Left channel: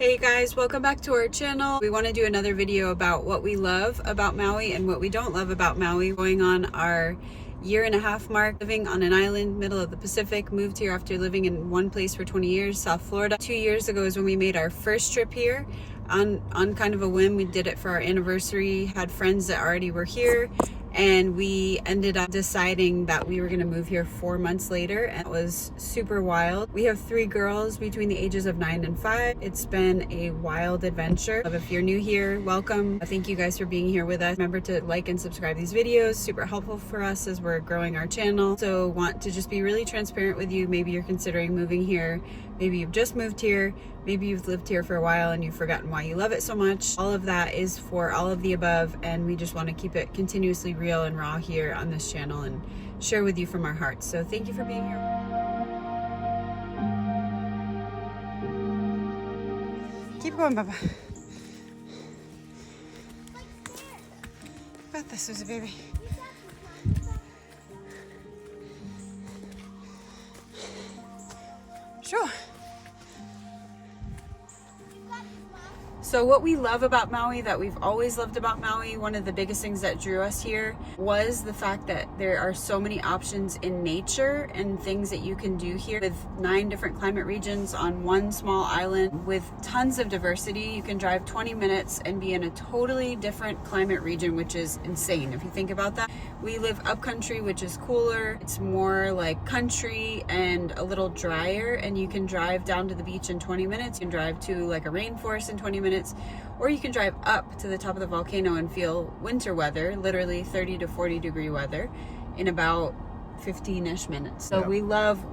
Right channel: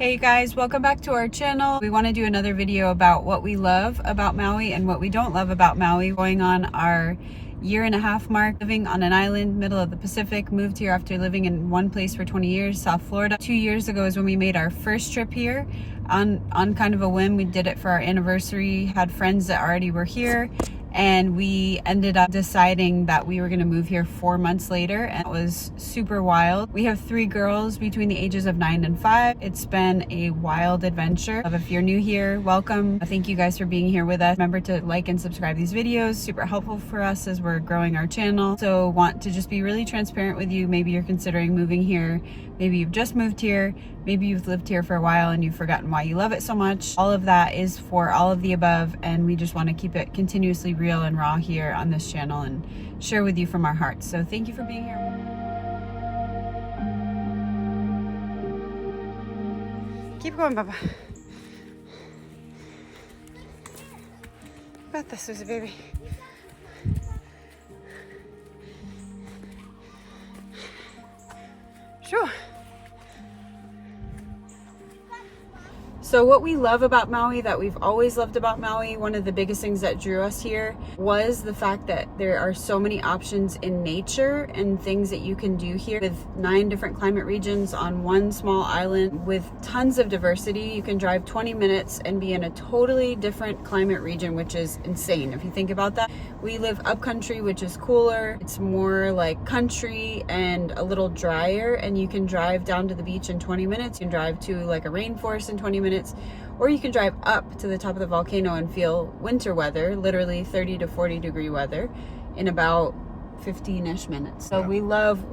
Hey guys, welcome back to our channel. We want to do another video about what we love about Maui and what we don't love about Maui. Going on our year-and-a-half mark, living on an island, middle of the Pacific, moved here after living in one place for 20 years, South Florida. 2 years ago is when we made our first trip here on kind of a whim. We did it for our anniversary, had friends that already were here, and we ended up deciding that we were going to move here 4 months later, and it was super wild. We have 3 girls between the ages of 9 and 5. It's been a wild adventure. If you're new here, welcome. Thank you guys for being here with us. Remember to like and subscribe these videos. Super helpful for us as we're growing our channel. So want to just be really transparent with you. Maybe you're considering moving here. Maybe you've just moved here. Maybe you've lived here for a while and you've forgotten why you love it so much. All of that is for all of the above, and we just want to keep it continuously real and raw here on this channel and share with you from our hearts. So thank you for being here. Keep going, Baba. Got this, Susie, baby. Sure. So what we love about Maui, that we've always loved about Maui, one of the biggest things that drew us here was the fact that there are so many options in nature and things that you can do here with 9 different climate regions on one small island with tons of diversity. You can drive 20 minutes and be in a totally different climate region, which is insane if you think about that. We live upcountry, which is cooler. It's more like country and a little drier, and you can drive down to the beach in 20 minutes. You can drive to like a rainforest in 20 minutes, or you can drive up to the top of the volcano and feel winter weather, literally 30 to 40 degree weather, in about 15-ish minutes. So we love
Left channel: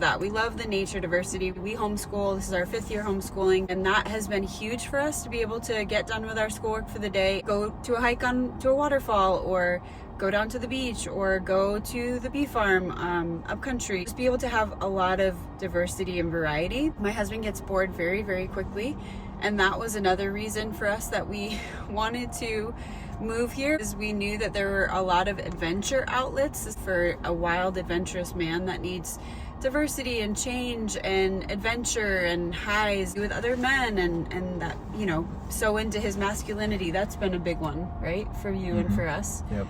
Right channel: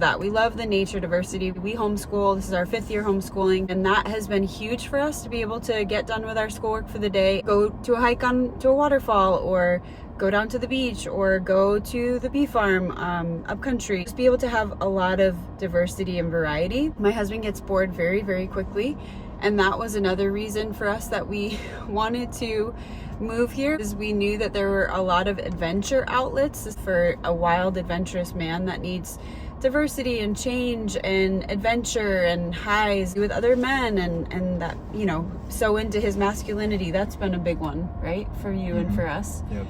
that. We love the nature diversity. We homeschool. This is our 5th year homeschooling, and that has been huge for us to be able to get done with our schoolwork for the day, go to a hike to a waterfall, or go down to the beach, or go to the bee farm up country. Just be able to have a lot of diversity and variety. My husband gets bored very, very quickly, and that was another reason for us that we wanted to move here, is we knew that there were a lot of adventure outlets for a wild, adventurous man that needs diversity and change and adventure and highs with other men, and that, you know, so into his masculinity. That's been a big one, right, for you and for us. Yep.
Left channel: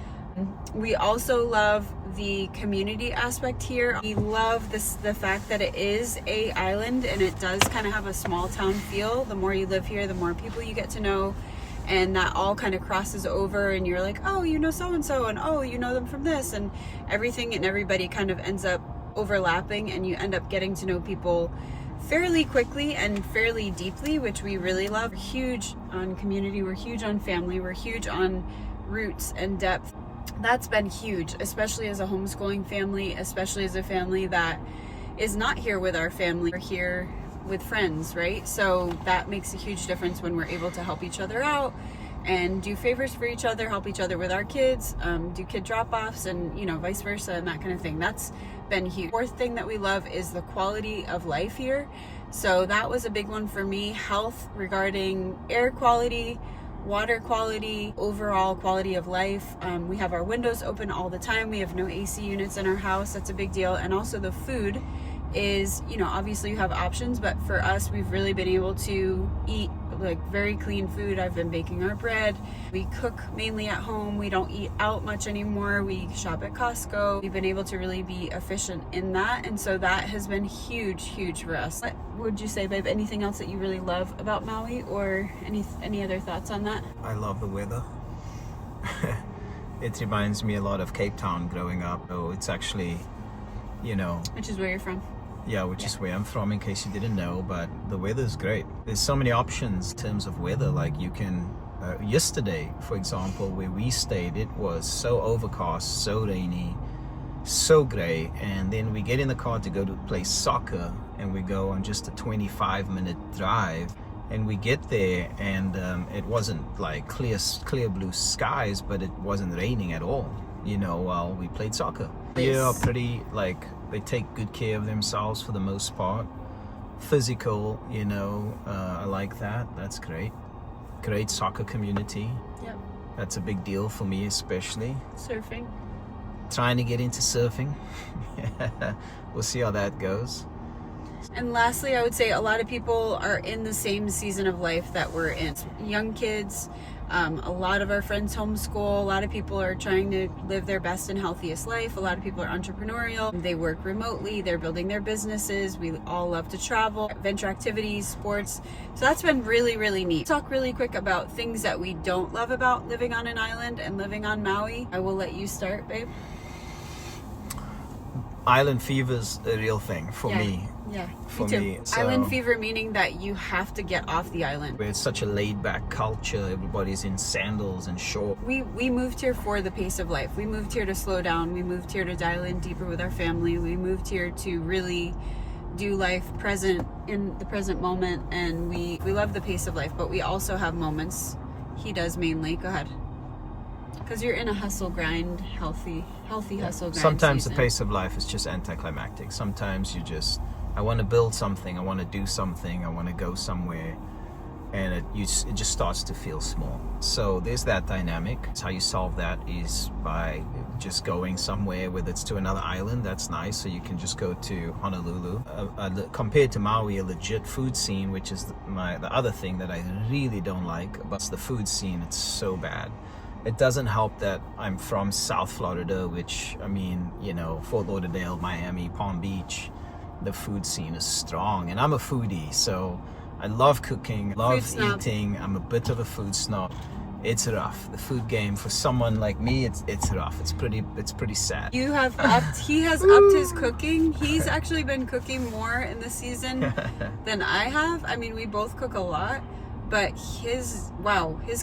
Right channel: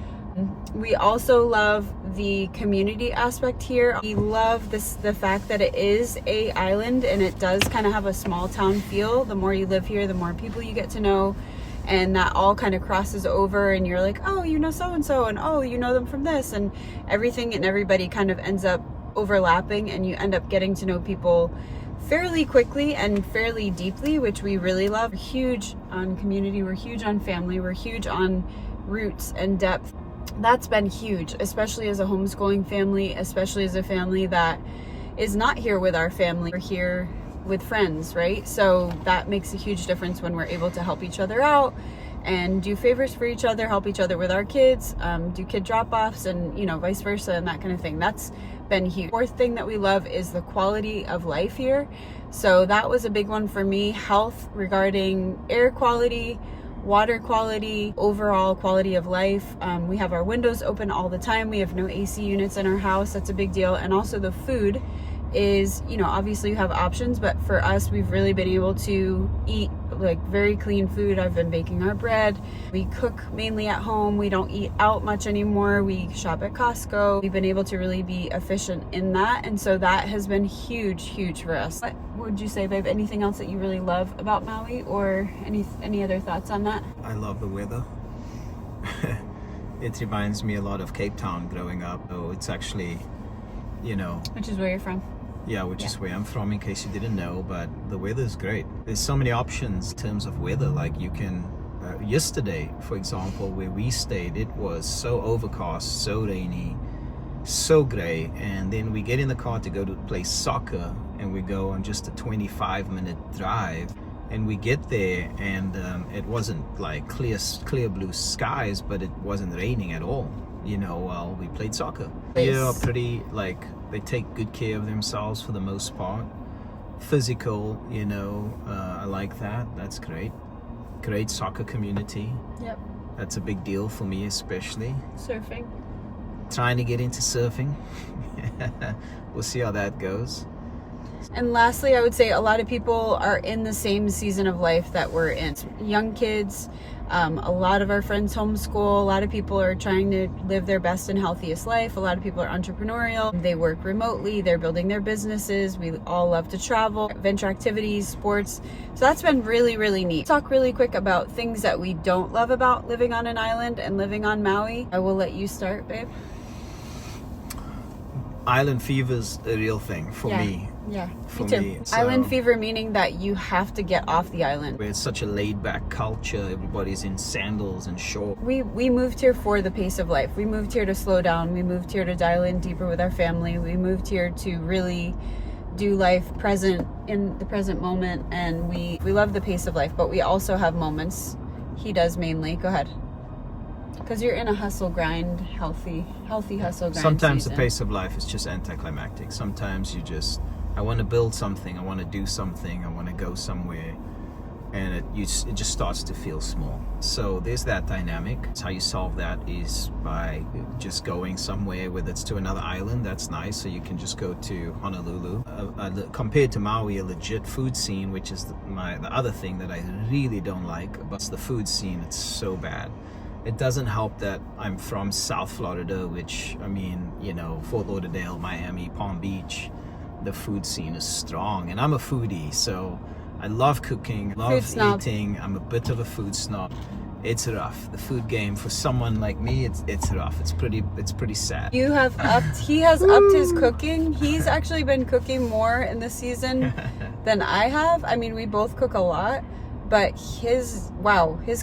We also love the community aspect here. We love the fact that it is a island and it does kind of have a small town feel. The more you live here, the more people you get to know, and that all kind of crosses over, and you're like, oh, you know so-and-so, and oh, you know them from this, and everything and everybody kind of ends up overlapping, and you end up getting to know people fairly quickly and fairly deeply, which we really love. We're huge on community, we're huge on family, we're huge on roots and depth. That's been huge, especially as a homeschooling family, especially as a family that is not here with our family. We're here with friends, right? So that makes a huge difference when we're able to help each other out and do favors for each other, help each other with our kids, do kid drop-offs, and, you know, vice versa, and that kind of thing. That's been huge. 4th thing that we love is the quality of life here. So that was a big one for me. Health, regarding air quality, water quality, overall quality of life. We have our windows open all the time. We have no AC units in our house. That's a big deal. And also the food is, you know, obviously you have options, but for us, we've really been able to eat like very clean food. I've been baking our bread. We cook mainly at home. We don't eat out much anymore. We shop at Costco. We've been able to really be efficient in that, and so that has been huge for us. What would you say, babe? Anything else that you really love about Maui, or any other thoughts on that? I love the weather. It reminds me a lot of Cape Town growing up. Oh, it's actually, you know... Which is where you're from? Yeah, which is where I'm from, in case you didn't know, but the weather's great. There's so many options in terms of weather. Like you can, yesterday, for example, where we stayed, it was so overcast, so rainy, so gray, and then we get in the car to go to play soccer, and we go on just a 25-minute drive, and we get there, and it wasn't like clear blue skies, but it wasn't raining at all, you know, while we played soccer. Yeah, pretty, like, they take good care of themselves for the most part. Physical, you know, I like that. That's great. Great soccer community. Yep. That's a big deal for me, especially. Surfing. Trying to get into surfing. We'll see how that goes. And lastly, I would say a lot of people are in the same season of life that we're in. Young kids, a lot of our friends homeschool. A lot of people are trying to live their best and healthiest life. A lot of people are entrepreneurial. They work remotely. They're building their businesses. We all love to travel, venture activities, sports. So that's been really, really neat. Talk really quick about things that we don't love about living on an island and living on Maui. I will let you start, babe. Island fever's a real thing for me. Yeah, For me too. me, so- Island fever meaning that you have to get off the island. Where it's such a laid-back culture, everybody's in sandals and shorts. We moved here for the pace of life. We moved here to slow down. We moved here to dial in deeper with our family. We moved here to really do life present in the present moment, and we love the pace of life, but we also have moments. He does mainly. Go ahead. Because you're in a hustle grind, healthy hustle grind Sometimes season. the pace of life is just anticlimactic. Sometimes I want to build something, I want to do something, I want to go somewhere, and it just starts to feel small. So there's that dynamic. How you solve that is by just going somewhere, whether it's to another island, that's nice, so you can just go to Honolulu. Compared to Maui, a legit food scene, which is the other thing that I really don't like about the food scene. It's so bad. It doesn't help that I'm from South Florida, which, I mean, you know, Fort Lauderdale, Miami, Palm Beach, the food scene is strong. And I'm a foodie, so I love cooking, love eating. I'm a bit of a food snob. It's rough. The food game for someone like me, it's rough. It's pretty sad. He has upped his cooking. He's actually been cooking more in the season than I have. I mean, we both cook a lot. But his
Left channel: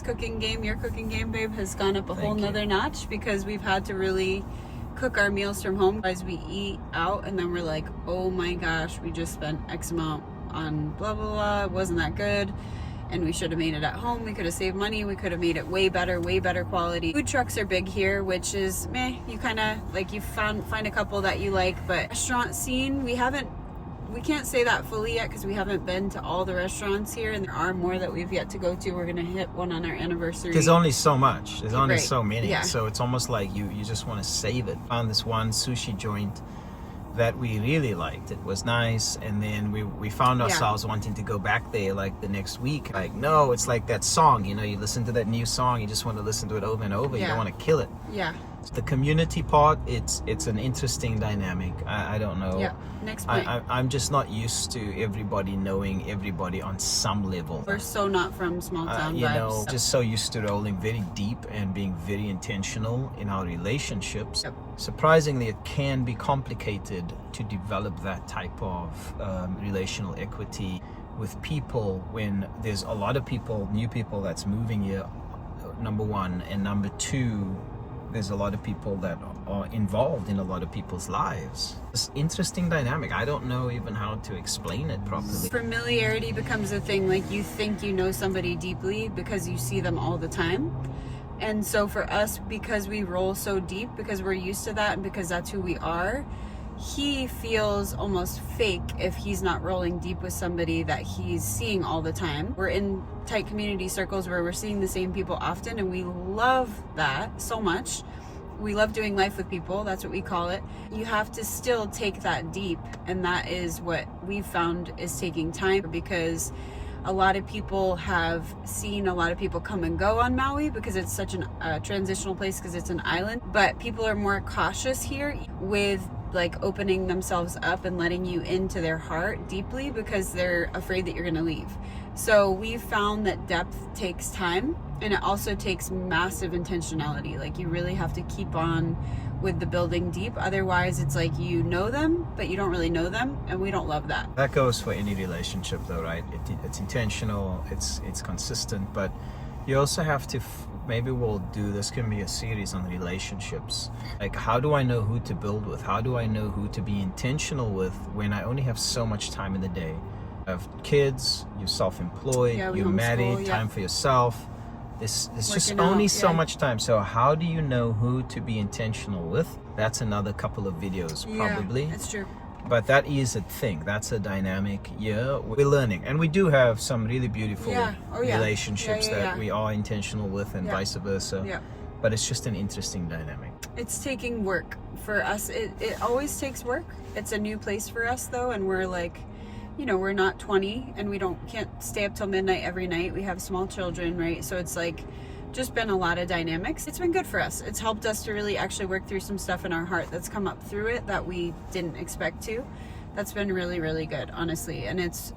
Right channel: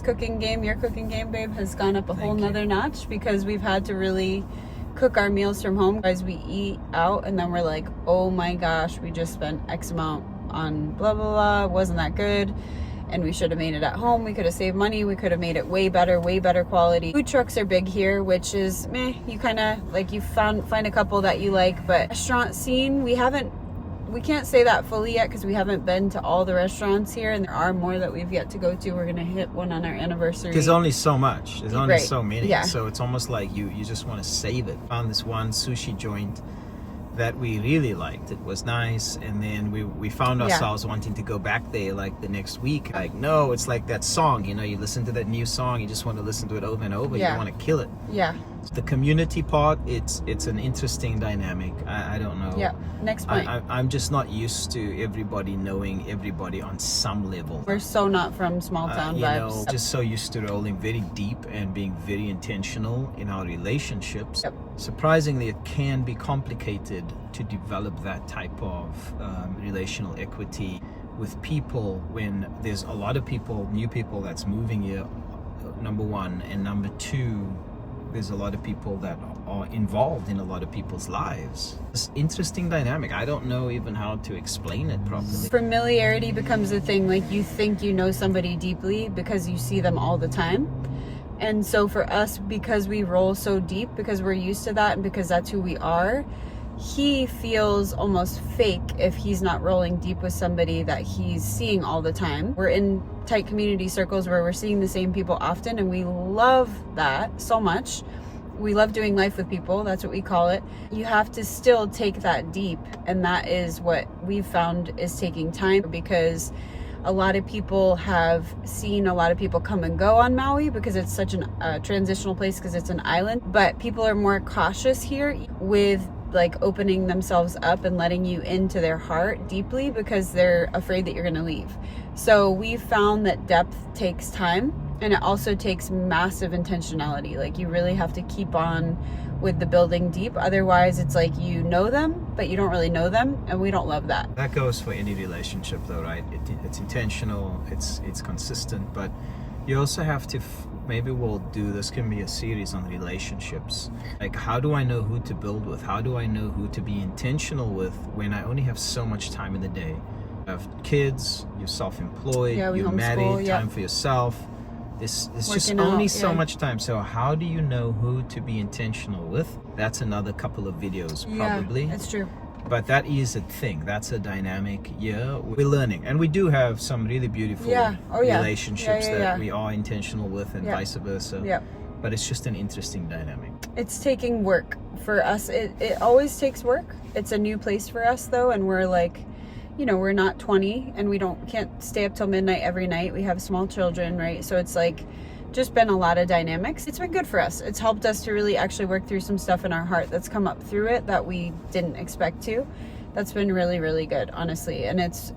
cooking game, your cooking game, babe, has gone up a whole nother notch because we've had to really cook our meals from home. As we eat out and then we're like, oh my gosh, we just spent X amount on blah, blah, blah. It wasn't that good. And we should have made it at home. We could have saved money. We could have made it way better quality. Food trucks are big here, which is meh. You kind of like, you find a couple that you like, but restaurant scene, we can't say that fully yet because we haven't been to all the restaurants here, and there are more that we've yet to go to. We're gonna hit one on our anniversary. There's only so much. There's only so many. Yeah. So it's almost like you just want to save it. Found this one sushi joint that we really liked. It was nice, and then we found ourselves wanting to go back there like the next week. Like, no, it's like that song, you know, you listen to that new song, you just want to listen to it over and over. You don't want to kill it. Yeah. The community part, it's an interesting dynamic. I don't know. Yeah. Next point. I'm just not used to everybody knowing everybody on some level. We're so not from small town you vibes. know, just so used to rolling very deep and being very intentional in our relationships. Yep. Surprisingly, it can be complicated to develop that type of relational equity with people when there's a lot of people, new people that's moving here, number one, and number two, there's a lot of people that are involved in a lot of people's lives. It's interesting dynamic. I don't know even how to explain it properly. Familiarity becomes a thing. Like, you think you know somebody deeply because you see them all the time. And so for us, because we roll so deep, because we're used to that and because that's who we are, he feels almost fake if he's not rolling deep with somebody that he's seeing all the time. We're in tight community circles where we're seeing the same people often, and we love that so much. We love doing life with people. That's what we call it. You have to still take that deep, and that is what we've found is taking time, because a lot of people have seen a lot of people come and go on Maui because it's such a transitional place, because it's an island. But people are more cautious here with like opening themselves up and letting you into their heart deeply because they're afraid that you're going to leave. So we found that depth takes time, and it also takes massive intentionality. Like, you really have to keep on with the building deep. Otherwise, it's like you know them, but you don't really know them, and we don't love that. That goes for any relationship though, right? It's intentional, it's consistent, but you also have to, maybe we'll do, this can be a series on relationships. Like, how do I know who to build with? How do I know who to be intentional with when I only have so much time in the day? You have kids, you're self-employed, you're married, time for yourself. It's just only so much time. So how do you know who to be intentional with? That's another couple of videos probably. Yeah, that's true. But that is a thing. That's a dynamic. Yeah, we're learning, and we do have some really beautiful relationships that we are intentional with, and vice versa. Yeah. But it's just an interesting dynamic. It's taking work for us. It always takes work. It's a new place for us though, and we're like, you know, we're not 20 and we can't stay up till midnight every night. We have small children, right? So it's like just been a lot of dynamics. It's been good for us. It's helped us to really actually work through some stuff in our heart that's come up through it that we didn't expect to. That's been really, really good, honestly. And it's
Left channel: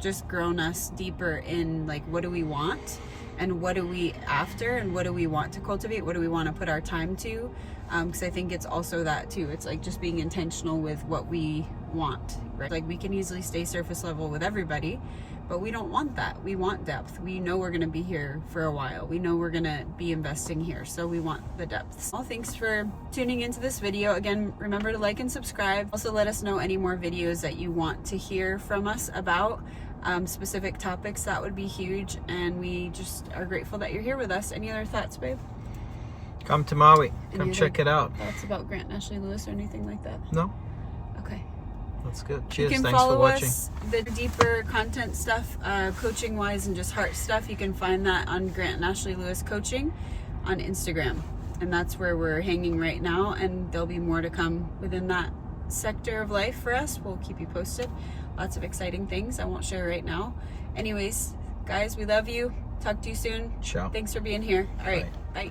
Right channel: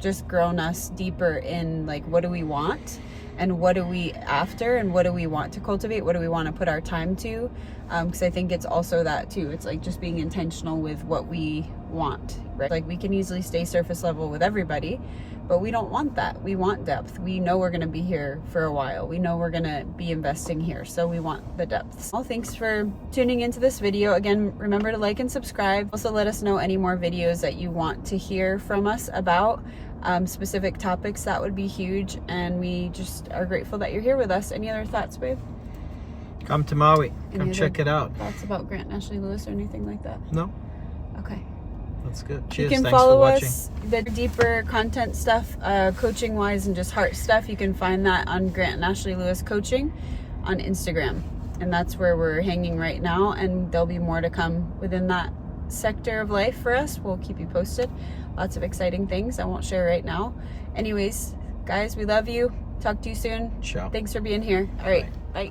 just grown us deeper in like, what do we want? And what are we after? And what do we want to cultivate? What do we want to put our time to? Because I think it's also that too. It's like just being intentional with what we want, right? Like we can easily stay surface level with everybody, but we don't want that. We want depth. We know we're going to be here for a while. We know we're going to be investing here. So we want the depth. Well, thanks for tuning into this video. Again, remember to like and subscribe. Also, let us know any more videos that you want to hear from us about specific topics. That would be huge. And we just are grateful that you're here with us. Any other thoughts, babe? Come to Maui. Any Come check it out. Thoughts about Grant and Ashley Lewis or anything like that? No? Okay. That's good. You Cheers. can Thanks follow for watching. us, the deeper content stuff, coaching wise and just heart stuff. You can find that on Grant and Ashley Lewis Coaching on Instagram. And that's where we're hanging right now. And there'll be more to come within that sector of life for us. We'll keep you posted. Lots of exciting things I won't share right now. Anyways, guys, we love you. Talk to you soon. Ciao. Thanks for being here. All right. Bye.